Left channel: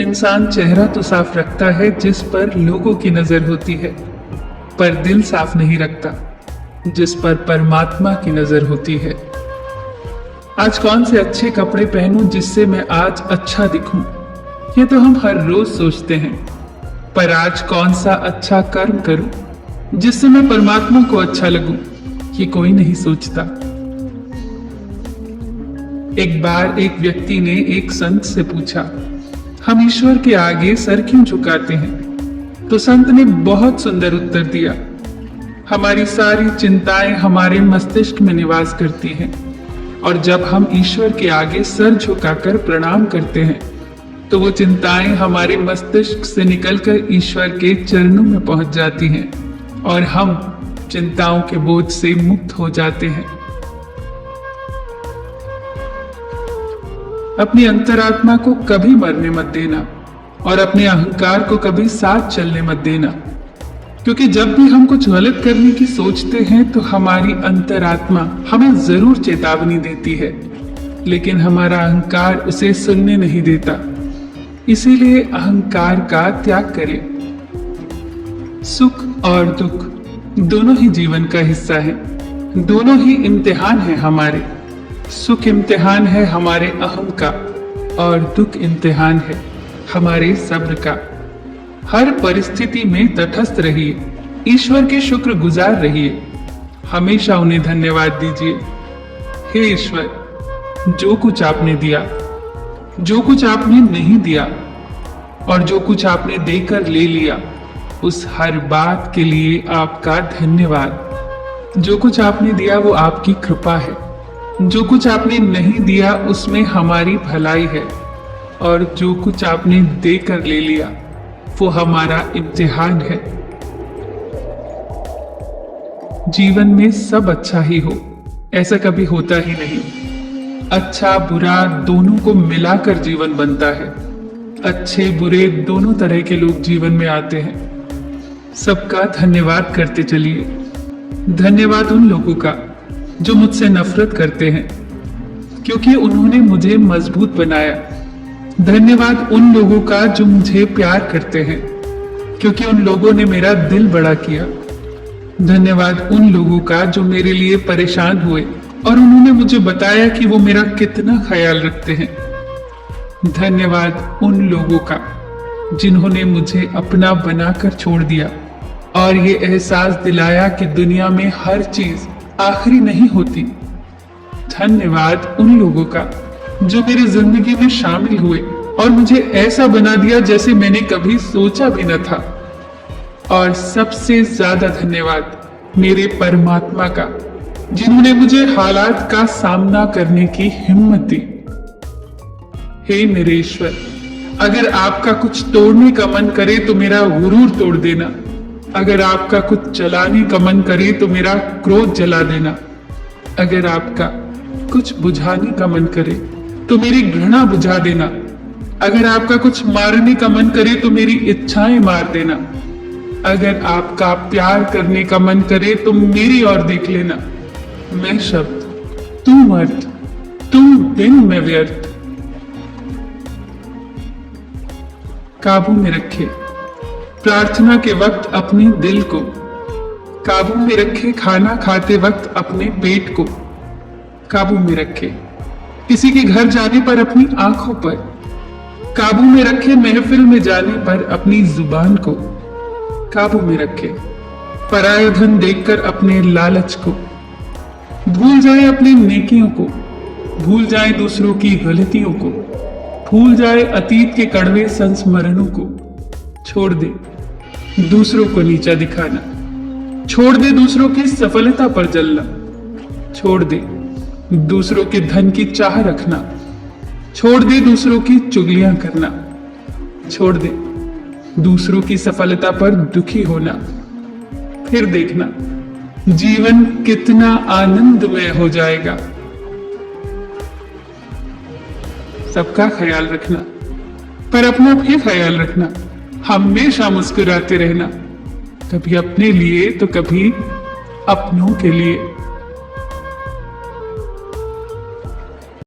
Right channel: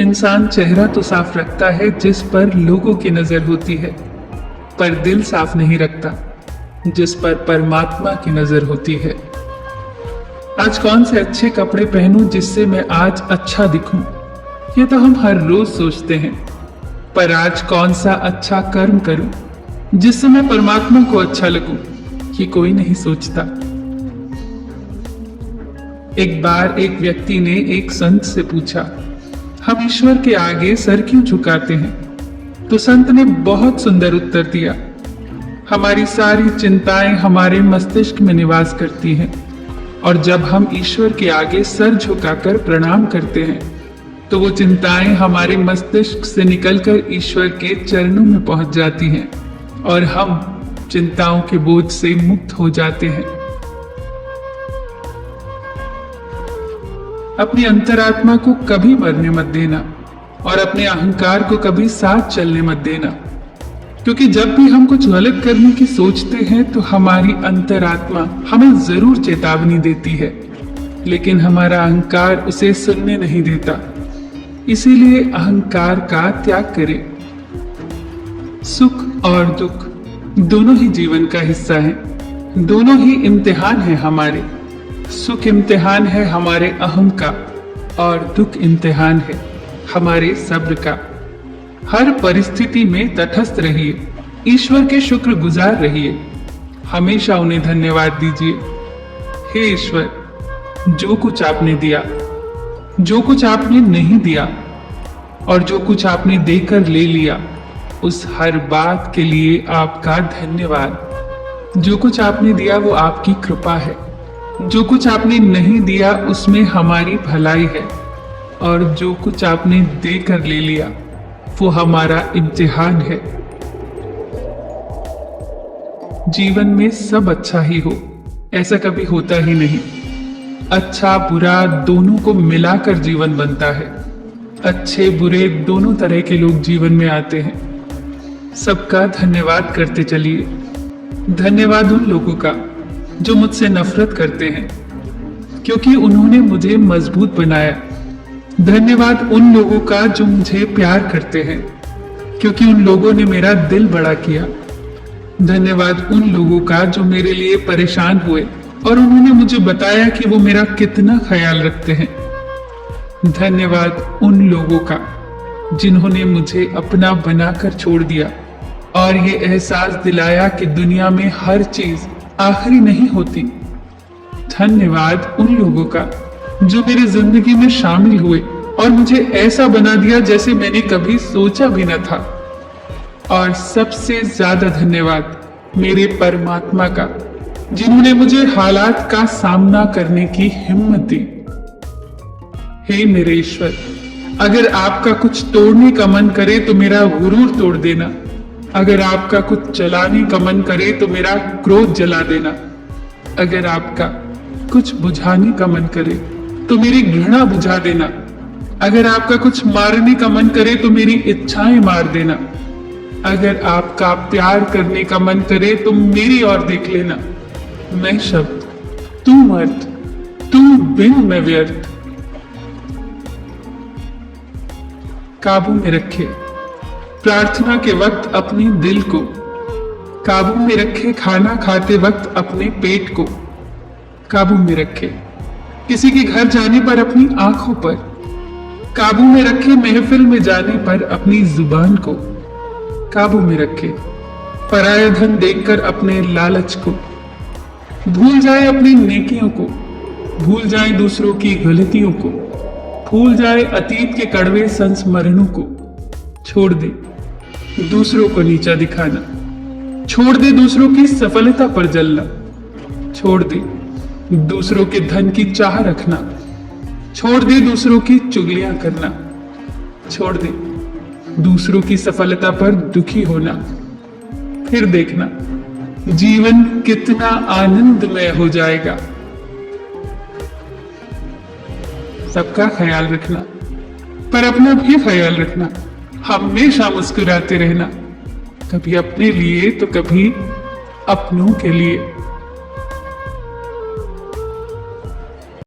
इंसान चेहरा तो साफ रखता है जिस पर लोगों की नजर होती है, पर दिल साफ नहीं रखता जिस पर परमात्मा की नजर होती है। आज कौन से अच्छे कपड़े पहनूं जिससे मैं आज अच्छा दिखूं, ये तो हम हर रोज सोचते हैं। पर आज कौन सा अच्छा कर्म करूं जिससे मैं परमात्मा को अच्छा लगूं, ये कोई नहीं सोचता। एक बार एक व्यक्ति ने एक संत से पूछा, हम ईश्वर के आगे सर क्यों झुकाते हैं? तो संत ने बहुत सुंदर उत्तर दिया, हमारी सारी चिंताएं हमारे मस्तिष्क में निवास करती हैं, और जब हम ईश्वर के आगे सर झुकाकर प्रणाम करते हैं तो वो चिंताएं हमारे मस्तिष्क से निकलकर ईश्वर के चरणों में पहुंच जाती हैं और हम चिंताओं के बोझ से मुक्त हो जाते हैं। अपनी अंतरात्मा को कभी मरने मत देना और अपने अहंकार को कभी साथ चलने मत देना, क्योंकि जब भी हम कुछ गलत करने की सोचते हैं तो हमारी अंतरात्मा हमें जरूर चेतावनी देती है, लेकिन हमारा अहंकार उसे सुनने नहीं देता। इसीलिए अहंकार का त्याग करें। सुख और दुख दोनों ही जीवन का हिस्सा है, दोनों ही इम्तिहान है हमारे। सुख इम्तिहान है हमारे अहम का और दुख इम्तिहान है हमारे शब्द का। हर परिस्थिति में तटस्थ रहिए, ईश्वर के शुक्रगुजार रहिए, हमेशा उन्हें धन्यवाद दीजिए। हे ईश्वर, जो कुछ आपने दिया, जो कुछ आपने नहीं दिया और जो कुछ आपने देकर ले लिया, उस हर बात के लिए आपका धन्यवाद। जो कुछ आपने दिया वो आपकी कृपा है, जो कुछ आपने नहीं दिया उसमें हमारी भलाई है, और जो कुछ आपने देकर ले लिया वो हमारा इम्तिहान है। जीवन में सब अच्छा ही हो, ऐसा कभी होता ही नहीं। अच्छा बुरा दोनों को मिलाकर जीवन बनता है। अच्छे बुरे दोनों तरह के लोग जीवन में आते हैं। सबका धन्यवाद करते चलिए। धन्यवाद उन लोगों का जो मुझसे नफरत करते हैं, क्योंकि उन्होंने मुझे मजबूत बनाया। धन्यवाद उन लोगों का जो मुझे प्यार करते हैं, क्योंकि उन लोगों ने मेरा दिल बड़ा किया। धन्यवाद उन लोगों का जो मेरे लिए परेशान हुए और उन्होंने मुझे बताया कि वो मेरा कितना ख्याल रखते हैं। धन्यवाद उन लोगों का जिन्होंने मुझे अपना बनाकर छोड़ दिया और ये एहसास दिलाया कि दुनिया में हर चीज आखिरी नहीं होती। धन्यवाद उन लोगों का जो मेरी जिंदगी में शामिल हुए और मुझे ऐसा बना दिया जैसे मैंने कभी सोचा भी न था। और सबसे ज्यादा धन्यवाद मेरे परमात्मा का, जिन्होंने मुझे हालात का सामना करने की हिम्मत दी। हे मेरे ईश्वर, अगर आपका कुछ तोड़ने का मन करे तो मेरा गुरूर तोड़ देना। अगर आपका कुछ जलाने का मन करे तो मेरा क्रोध जला देना। अगर आपका कुछ बुझाने का मन करे तो मेरी घृणा बुझा देना। अगर आपका कुछ मारने का मन करे तो मेरी इच्छाएं मार देना। अगर आपका प्यार करने का मन करे तो मेरी ओर देख लेना। मैं शब्द, तू मर्द, तू बिन मैं व्यर्थ। काबू में रखे प्रार्थना के वक्त अपने दिल को, काबू में रखे खाना खाते वक्त अपने पेट को, काबू में रखे किसी के घर जाने पर अपनी आंखों पर, काबू में रखे महफिल में जाने पर अपनी जुबान को, काबू में रखे पराया धन देखकर अपने लालच को। भूल जाए अपनी नेकियों को, भूल जाए दूसरों की गलतियों को, भूल जाए अतीत के कड़वे संस्मरणों को। छोड़ दे दूसरों को नीचा दिखाना, छोड़ दे दूसरों की सफलता पर जलना, छोड़ दे दूसरों के धन की चाह रखना, छोड़ दे दूसरों की चुगलियां करना, छोड़ दे दूसरों की सफलता पर दुखी होना। फिर देखना जीवन कितना आनंदमय हो जाएगा। सबका ख्याल रखना, पर अपना भी ख्याल रखना। हमेशा मुस्कुराते रहना, कभी अपने लिए तो कभी अपनों के लिए।